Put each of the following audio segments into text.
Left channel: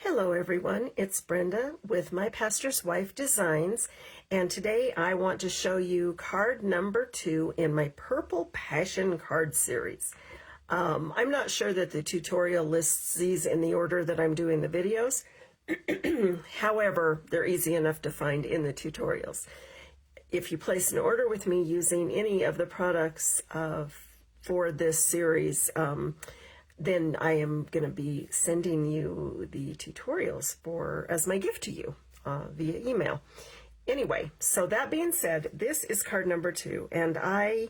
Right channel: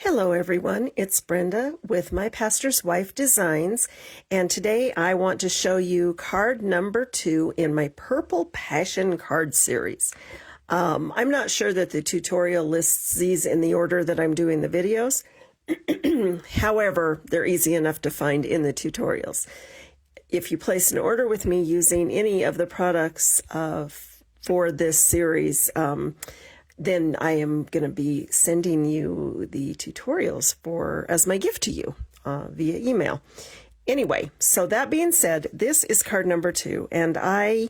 Hello everyone, it's Brenda with My Pastor's Wife Designs, and today I want to show you card number 2 in my Purple Passion card series. I'm not sure that the tutorial lists these in the order that I'm doing the videos. However, they're easy enough to find in the tutorials. If you place an order with me using any of the products for this series, then I am going to be sending you the tutorials as my gift to you via email. Anyway, so that being said, this is card number 2, and I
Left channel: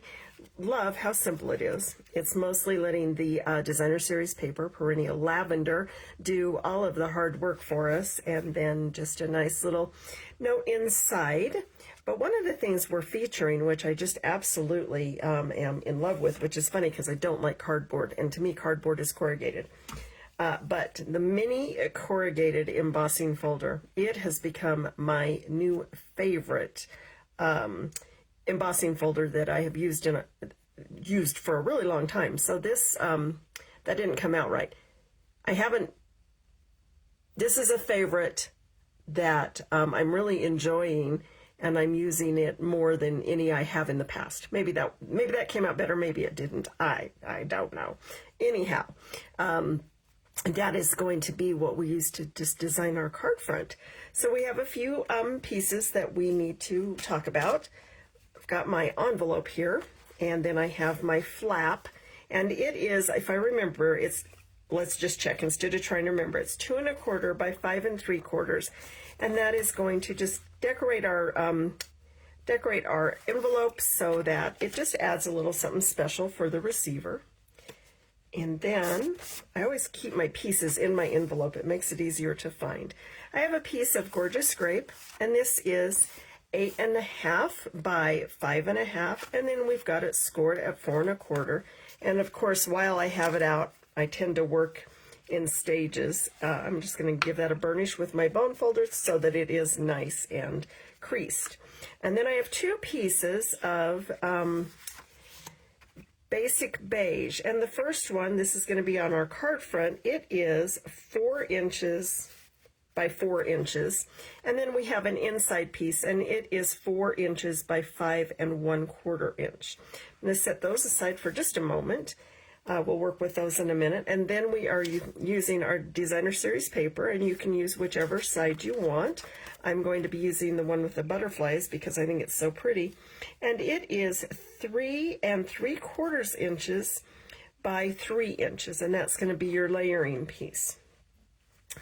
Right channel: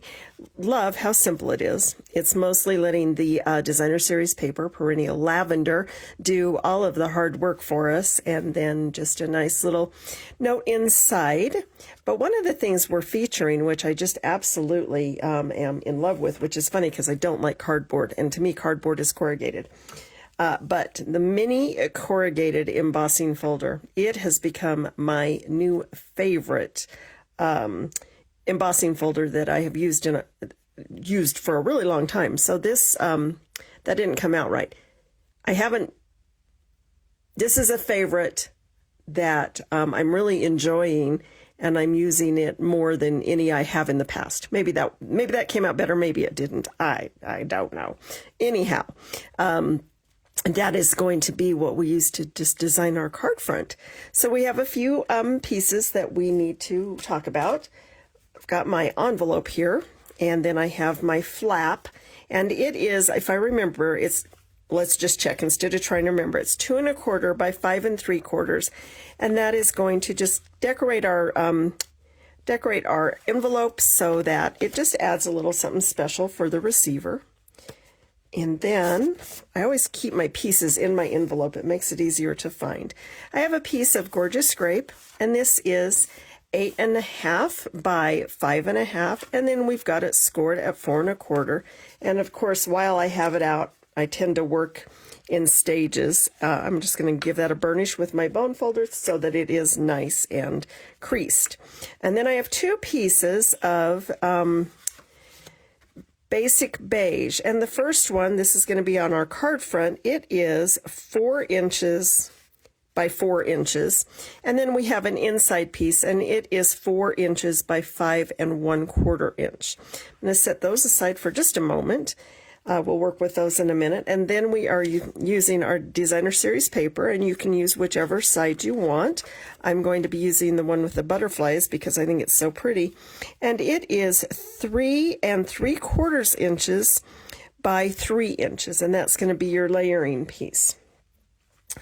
love how simple it is. It's mostly letting the Designer Series paper, Perennial Lavender, do all of the hard work for us, and then just a nice little note inside. But one of the things we're featuring, which I just absolutely am in love with, which is funny because I don't like cardboard, and to me cardboard is corrugated. But the mini corrugated embossing folder, it has become my new favorite embossing folder that I have used for a really long time. So this, that didn't come out right. This is a favorite that I'm really enjoying, and I'm using it more than any I have in the past. Maybe that came out better, maybe it didn't. I don't know. Anyhow, that is going to be what we use to just design our card front. So we have a few pieces that we need to talk about. I've got my envelope here, and then I have my flap, and it is, if I remember, let's just check instead of trying to remember, it's 2 1/4 by 5 3/4, and that is going to just decorate our envelope so that it just adds a little something special for the receiver. And then I always keep my pieces in my envelope. It makes it easier to find. I have a piece of Gorgeous Grape, and this is 8 1/2 by 5 1/2, and then we've got it scored at 4 1/4. And of course, while I have it out, I tend to work in stages. I'm just going to give that a burnish with my bone folder so that it is nice and creased. And then I have 2 pieces of Basic Beige, and the first one, this is going to be on our card front. It is 4 inches by 4 inches, and then we have an inside piece, and it is 4 inches by 5 1/4 inch. I'm going to set those aside for just a moment. We'll work with those in a minute, and then we are using our Designer Series paper, and you can use whichever side you want. I'm going to be using the one with the butterflies because I think it's so pretty, and it is 3 3/4 inches by 3 inches, and that's going to be your layering piece.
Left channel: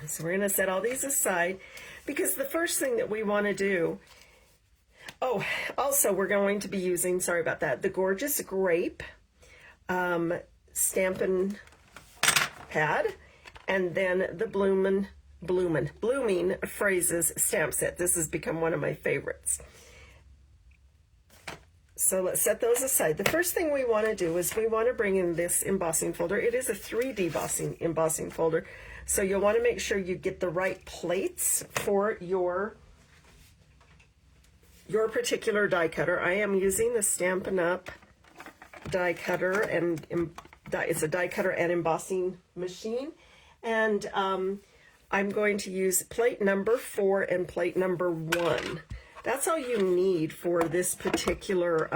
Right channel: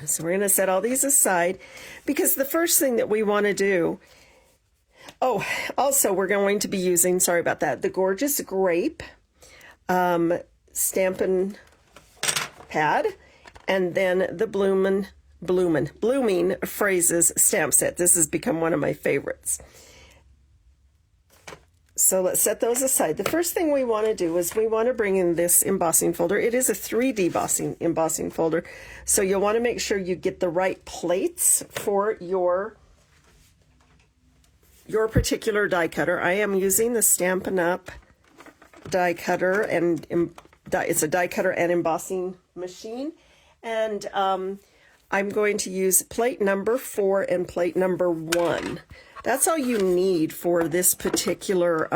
So we're going to set all these aside because the first thing that we want to do, also we're going to be using, sorry about that, the Gorgeous Grape Stampin' Pad, and then the Blooming Phrases stamp set. This has become one of my favorites. So let's set those aside. The first thing we want to do is we want to bring in this embossing folder. It is a 3D embossing folder, so you'll want to make sure you get the right plates for your particular die cutter. I am using the Stampin' Up! Die cutter, and it's a die cutter and embossing machine, and I'm going to use plate number 4 and plate number 1. That's all you need for this particular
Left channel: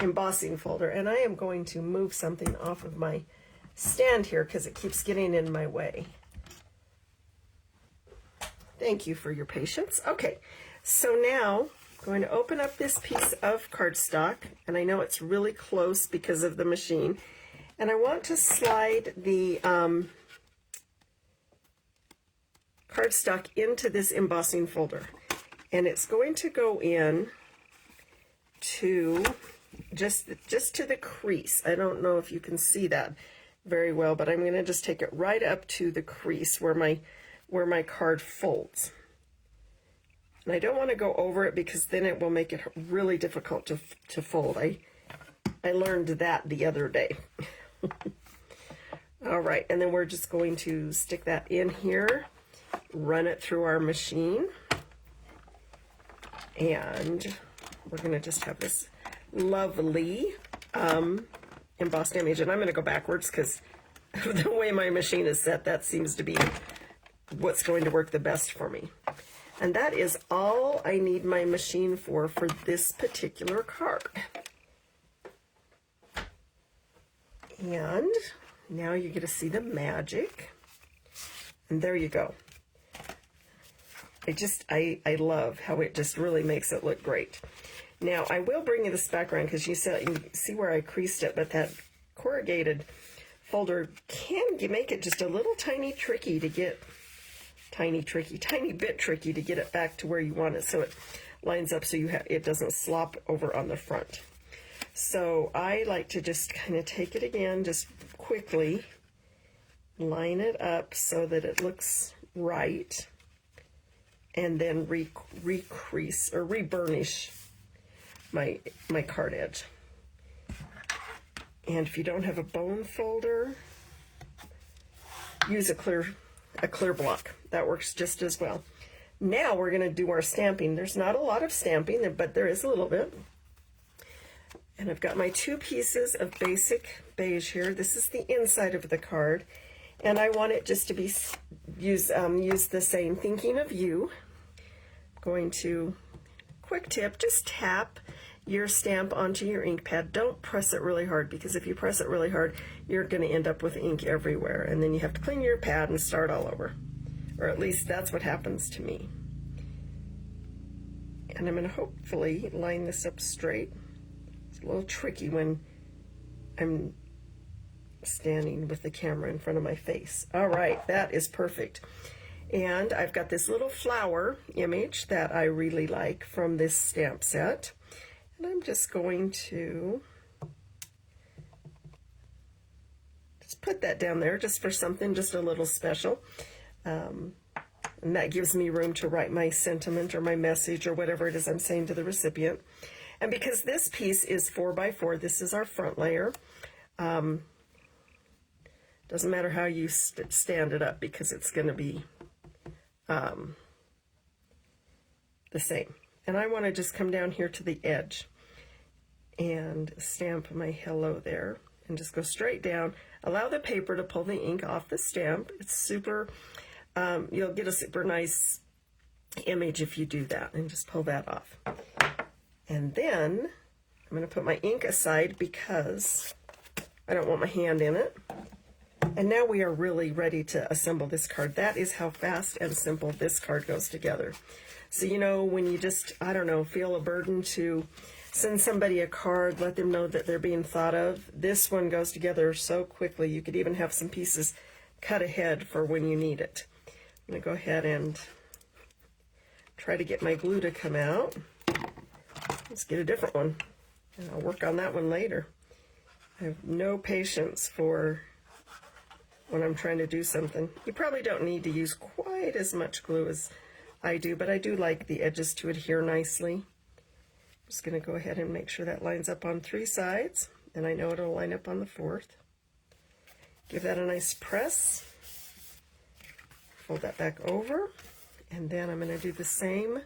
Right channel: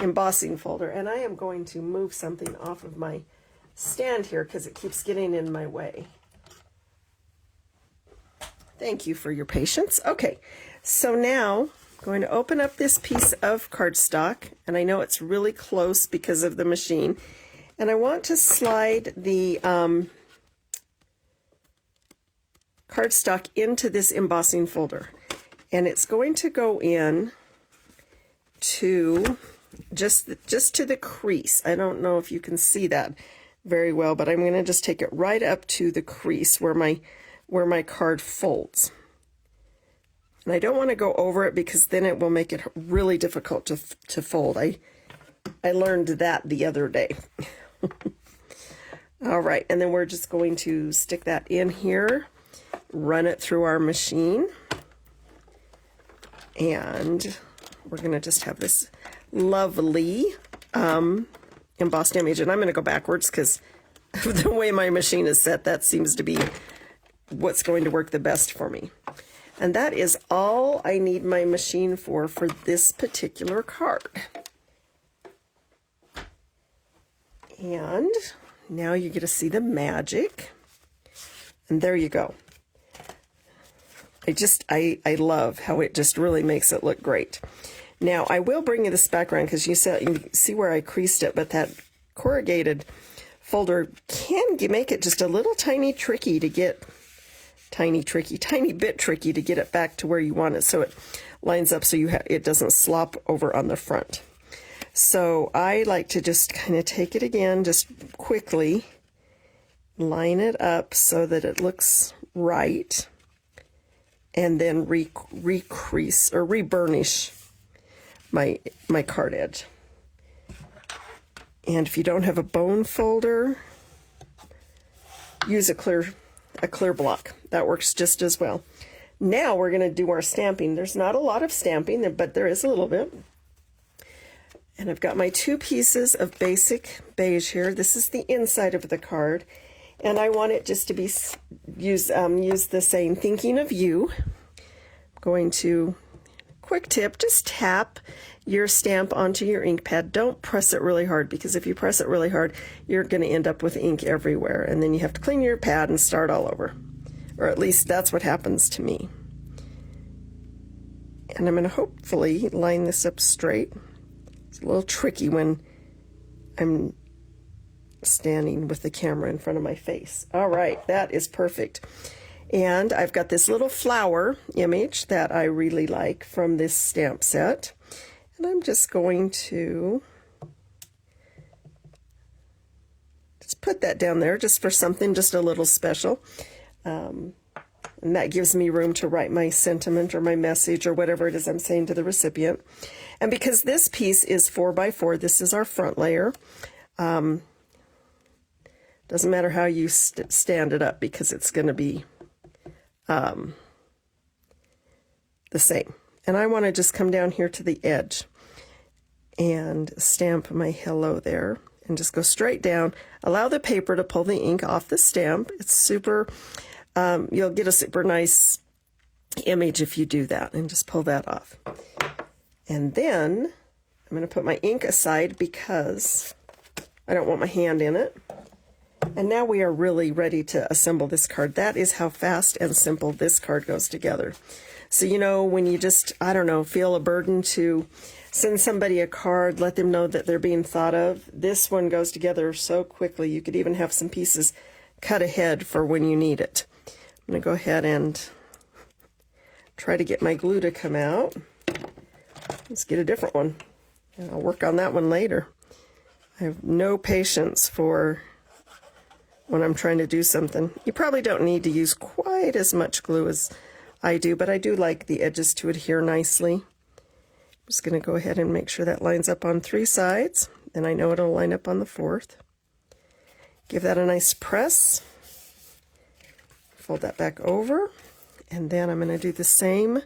embossing folder. And I am going to move something off of my stand here because it keeps getting in my way. Thank you for your patience. Okay, so now I'm going to open up this piece of cardstock, and I know it's really close because of the machine, and I want to slide the cardstock into this embossing folder, and it's going to go in to just to the crease. I don't know if you can see that very well, but I'm going to just take it right up to the crease where my card folds. And I don't want to go over it because then it will make it really difficult to fold. I learned that the other day. All right, and then we're just going to stick that in here, run it through our machine, and we're going to just have this lovely embossed image. And I'm going to go backwards because the way my machine is set, that seems to be what's going to work the best for me. And that is all I need my machine for this particular card. And now you get to see the magic. And there you go. I love how it just really makes it look great. Now I will bring you this background because you see where I creased it, but that corrugated folder can make it just a little tiny bit tricky to get it back to where you want it, so it lines up so it doesn't slop over on the front. So I like to just kind of take it again, just quickly line it up so that it looks right, and then recrease or reburnish my card edge. And if you don't have a bone folder, use a clear block. That works just as well. Now we're going to do our stamping. There's not a lot of stamping, but there is a little bit. And I've got my 2 pieces of basic beige here. This is the inside of the card, and I want it just to be use the same thinking of you. I'm going to, quick tip, just tap your stamp onto your ink pad. Don't press it really hard, because if you press it really hard, you're going to end up with ink everywhere, and then you have to clean your pad and start all over. Or at least that's what happens to me. And I'm going to hopefully line this up straight. It's a little tricky when I'm standing with the camera in front of my face. All right, that is perfect. And I've got this little flower image that I really like from this stamp set. And I'm just going to just put that down there just for something just a little special. And that gives me room to write my sentiment or my message or whatever it is I'm saying to the recipient. And because this piece is 4x4, this is our front layer. Doesn't matter how you stand it up, because it's going to be the same. And I want to just come down here to the edge and stamp my hello there, and just go straight down. Allow the paper to pull the ink off the stamp. It's super, you'll get a super nice image if you do that, and just pull that off. And then I'm going to put my ink aside because I don't want my hand in it. And now we are really ready to assemble this card. That is how fast and simple this card goes together. So, you know, when you just, I don't know, feel a burden to send somebody a card, let them know that they're being thought of, this one goes together so quickly. You could even have some pieces cut ahead for when you need it. I'm going to go ahead and try to get my glue to come out. Let's get a different one, and I'll work on that one later. I have no patience for when I'm trying to do something. You probably don't need to use quite as much glue as I do, but I do like the edges to adhere nicely. I'm just going to go ahead and make sure that lines up on 3 sides, and I know it'll line up on the 4th. Give that a nice press. Fold that back over, and then I'm going to do the same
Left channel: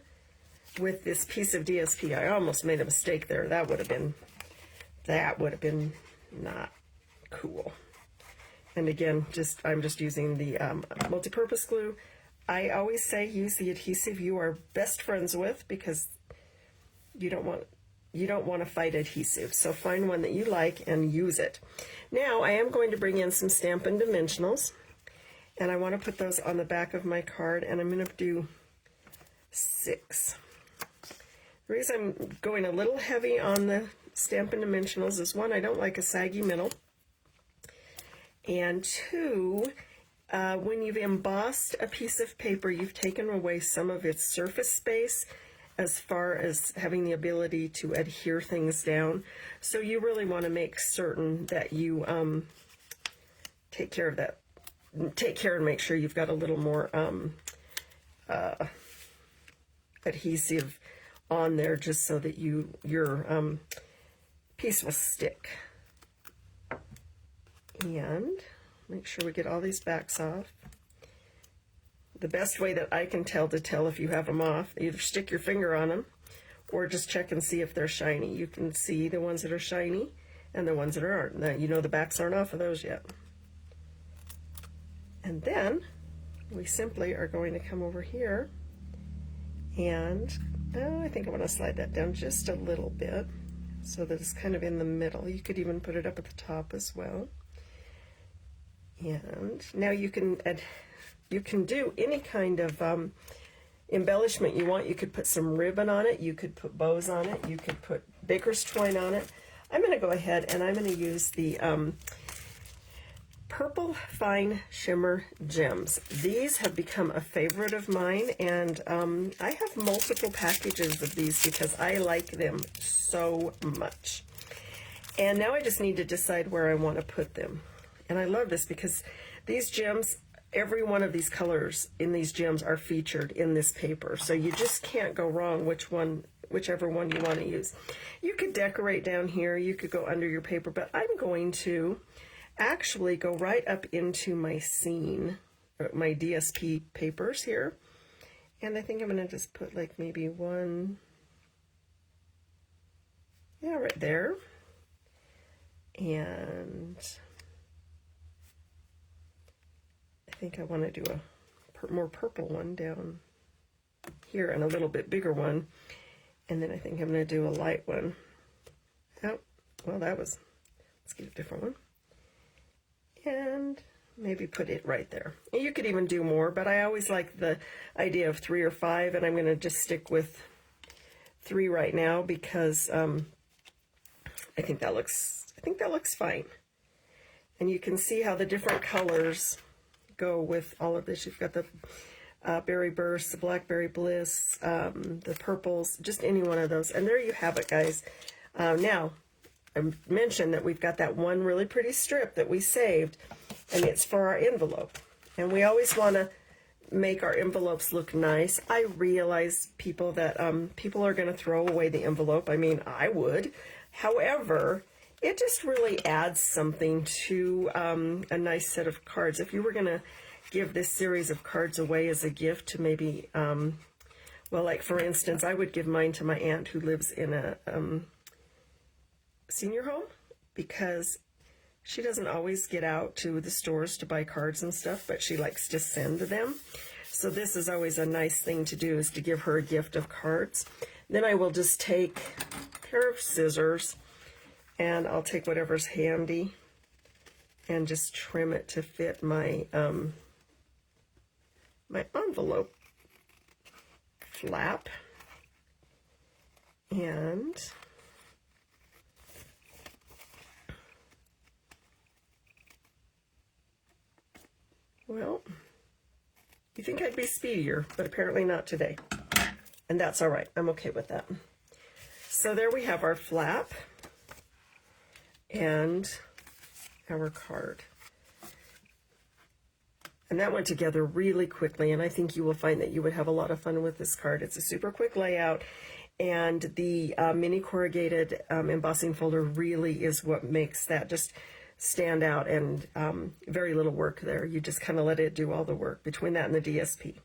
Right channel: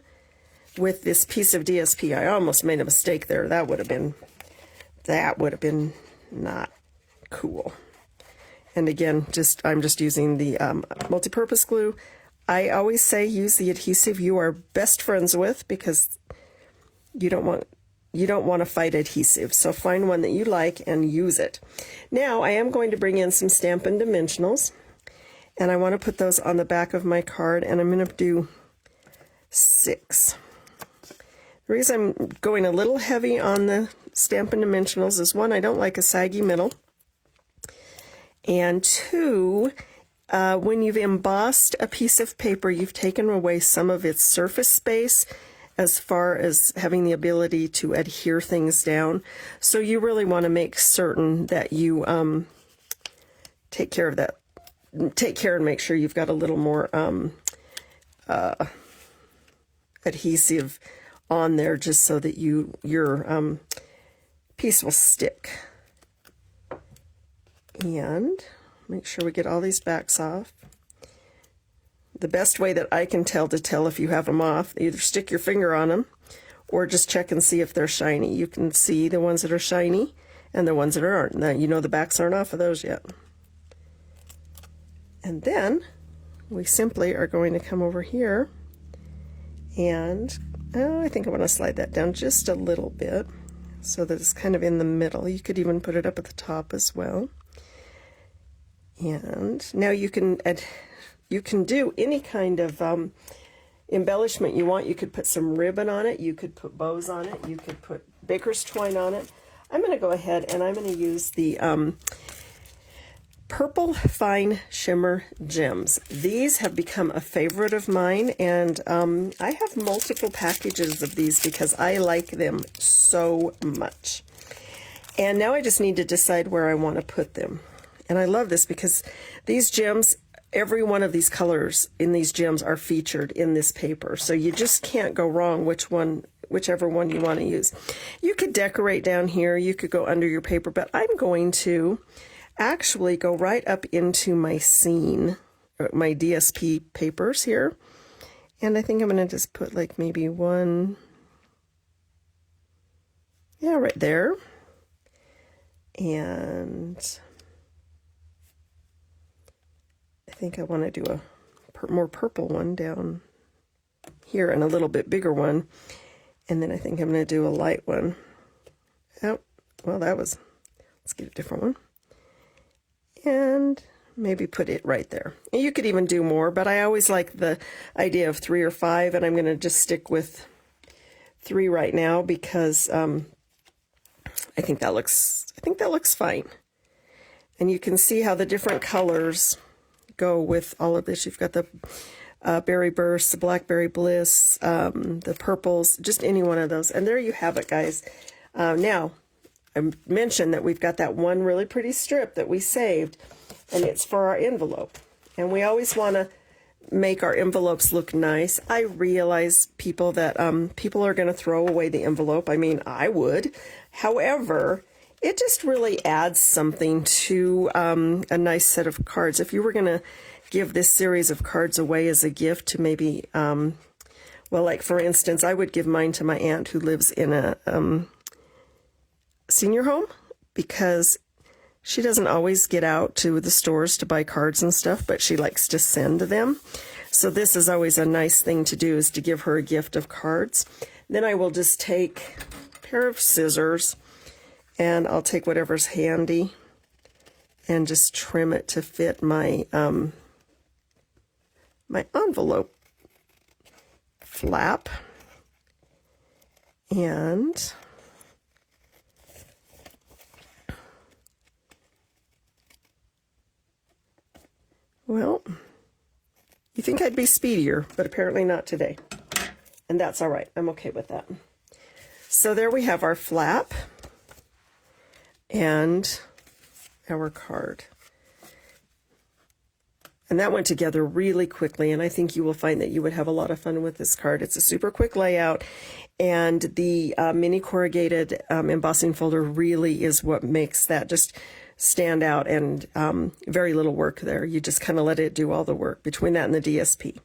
with this piece of DSP. I almost made a mistake there. That would have been not cool. And again, I'm just using the multi-purpose glue. I always say use the adhesive you are best friends with, because you don't want to fight adhesive. So find one that you like and use it. Now I am going to bring in some Stampin' Dimensionals, and I want to put those on the back of my card, and I'm going to do 6. The reason I'm going a little heavy on the Stampin' Dimensionals is, 1, I don't like a saggy middle, and 2, when you've embossed a piece of paper, you've taken away some of its surface space as far as having the ability to adhere things down. So you really want to make certain that you take care of that. Take care and make sure you've got a little more adhesive on there, just so that your piece will stick. And make sure we get all these backs off. The best way that I can tell if you have them off, either stick your finger on them or just check and see if they're shiny. You can see the ones that are shiny and the ones that aren't. Now, you know the backs aren't off of those yet. And then we simply are going to come over here and I think I want to slide that down just a little bit so that it's kind of in the middle. You could even put it up at the top as well. And now you can do any kind of embellishment you want. You could put some ribbon on it, you could put bows on it, you could put baker's twine on it. I'm going to go ahead and I'm going to use the Purple Fine Shimmer Gems. These have become a favorite of mine, and I have multiple packages of these because I like them so much. And now I just need to decide where I want to put them. And I love this because these gems, every one of these colors in these gems are featured in this paper. So you just can't go wrong whichever one you want to use. You could decorate down here, you could go under your paper, but I'm going to actually go right up into my scene, my DSP papers here. And I think I'm going to just put like maybe one, yeah, right there. And I think I want to do a more purple one down here and a little bit bigger one. And then I think I'm going to do a light one. Oh, well, let's get a different one. And maybe put it right there. You could even do more, but I always like the idea of 3 or 5, and I'm going to just stick with 3 right now because I think that looks fine. And you can see how the different colors go with all of this. You've got the Berry Burst, the Blackberry Bliss, the purples, just any one of those. And there you have it, guys. Now, I mentioned that we've got that one really pretty strip that we saved, and it's for our envelope. And we always want to make our envelopes look nice. I realize people that people are going to throw away the envelope. I mean, I would. However, it just really adds something to a nice set of cards. If you were going to give this series of cards away as a gift to maybe, well, like for instance, I would give mine to my aunt who lives in a senior home because she doesn't always get out to the stores to buy cards and stuff, but she likes to send them. So this is always a nice thing to do, is to give her a gift of cards. Then I will just take a pair of scissors and I'll take whatever's handy and just trim it to fit my my envelope flap. And well, you think I'd be speedier, but apparently not today. And that's all right. I'm okay with that. So there we have our flap and our card. And that went together really quickly, and I think you will find that you would have a lot of fun with this card. It's a super quick layout, and the mini corrugated embossing folder really is what makes that just stand out, and very little work there. You just kind of let it do all the work between that and the DSP.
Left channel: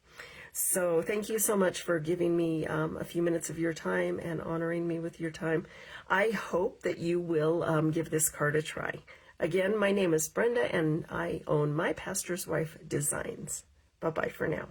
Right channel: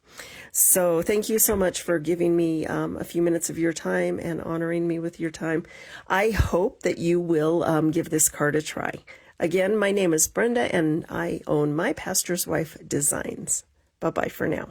So thank you so much for giving me a few minutes of your time and honoring me with your time. I hope that you will give this card a try. Again, my name is Brenda, and I own My Pastor's Wife Designs. Bye-bye for now.